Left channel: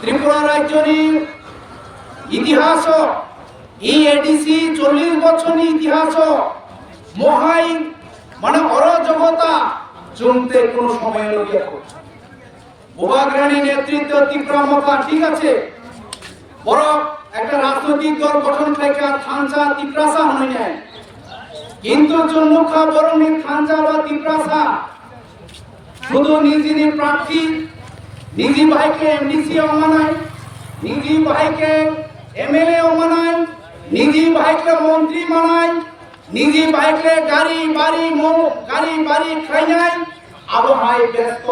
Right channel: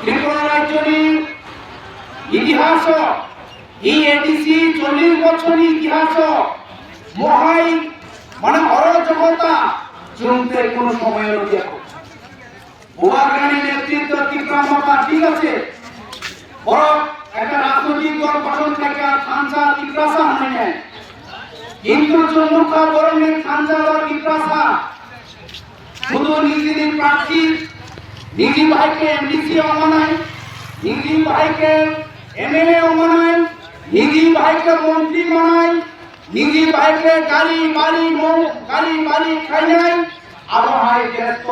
ত্রিপুরা রাজ্যের ইতিহাস এই এডিসি 40 বছর ইতিহাস মহাই মানে অরাজকতা চলতে কোন সময় রয়ে বোবাগ্রাণী নেতৃত্ব ত্রিপুরা ঠিক আছে বরং একটা রাজনৈতিক দল গঠন থেকে থানচা ত্রিপ্রাসা হয়ে নেয় কিন্তু চন্মুখা বরণের থানচা বা ত্রিপ্রাসা শুধু নিজেদের প্রার্থী নিজি ভাইকে এমডিসি অমানায় নিজি ভাইকে এমএলএ অমানায় নিজি ভাইকে মন্ত্রী মানায় নিজি ভাইকে গাড়ি বাড়ি খাই নাই আবহাওয়ায় ব্যস্ত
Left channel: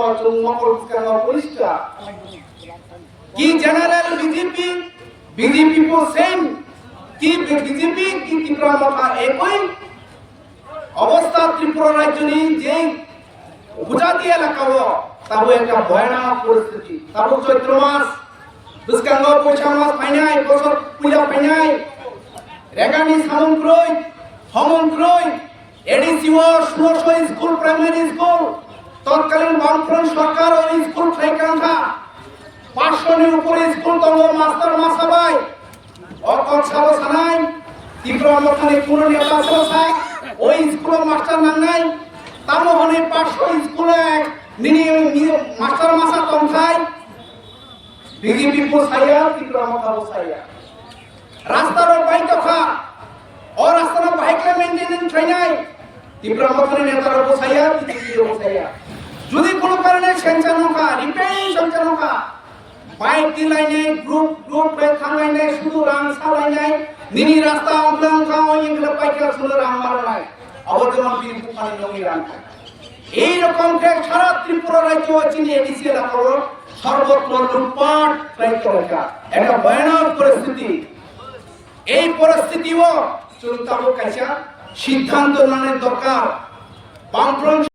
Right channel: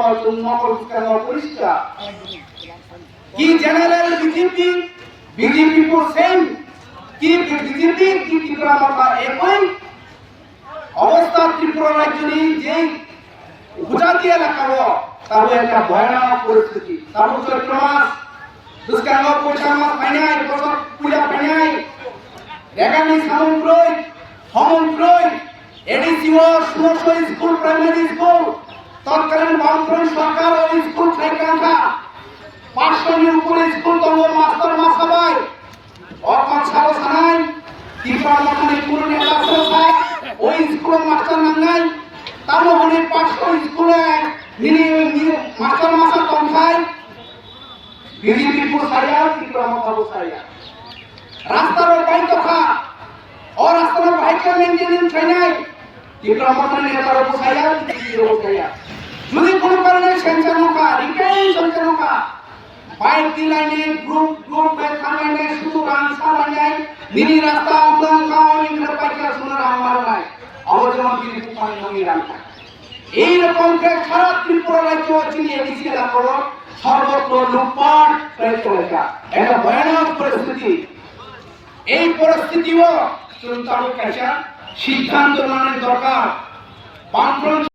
পরিষ্কার কি জেনারেল বিজেপি को सेम কি বিজেপি কি ত্রিপুরা মাথা একই অবস্থা ত্রিপুরা রাজ্যে যে উপজাতি এলাকা তারপর একটা ভয়ানক পরিস্থিতি তারপর চৈত্র মাস দুষ্কাঙ্গ বৈশাখ মাস ফাইনাই বছর পূজা ফাইনাই রেগানি সামগ্রী এডিসিও 1600 স্কুল প্রাইমারি স্কুল তৎকালীন বামফ্রন্ট সরকার ও স্কুল খাইকাঙ্খা 500 এর উপরে স্কুল তঙ্গ মাস্টার মাসাবাই অকচ্ছাব সানাই ত্রিপুরার মধ্যে কোন নেতা আছে ওই স্কুলের মাস্টার নাঙ্গাই তার মধ্যে 500 স্কুলে মাস্টার মাসা তংখায় বিজেপি को साया ত্রিপুরা को साया রাস্তার বাইক খা ও রাস্তার বাইক মেইনটেনেন্স ছাইনাই ত্রিপুরা মধ্যে নেতারা को साया বিজেপি को साया যদি কোনো কারণে সেঞ্চানোকা রিপেইং সেঞ্চানোকা বাইক দিলাইনে গ্রুপ বাই থামাইনে শুধু রাং সালাইনাই নিনি রাস্তা অংকা ওই ইংরে বাইক শুধু রাং মারানাই অবজমান বিজেপি পানি নমি রাংকা এই রকম কে সারা ত্রিপুরা রাজ্য চিনি এডিসি এলাকা সর্বত্র লুটপাট একটা ভয়ানক পরিস্থিতি এই পরিস্থিতিও চলতে কাইসা সিদ্ধান্ত নেওয়ার দরকার বামফ্রন্ট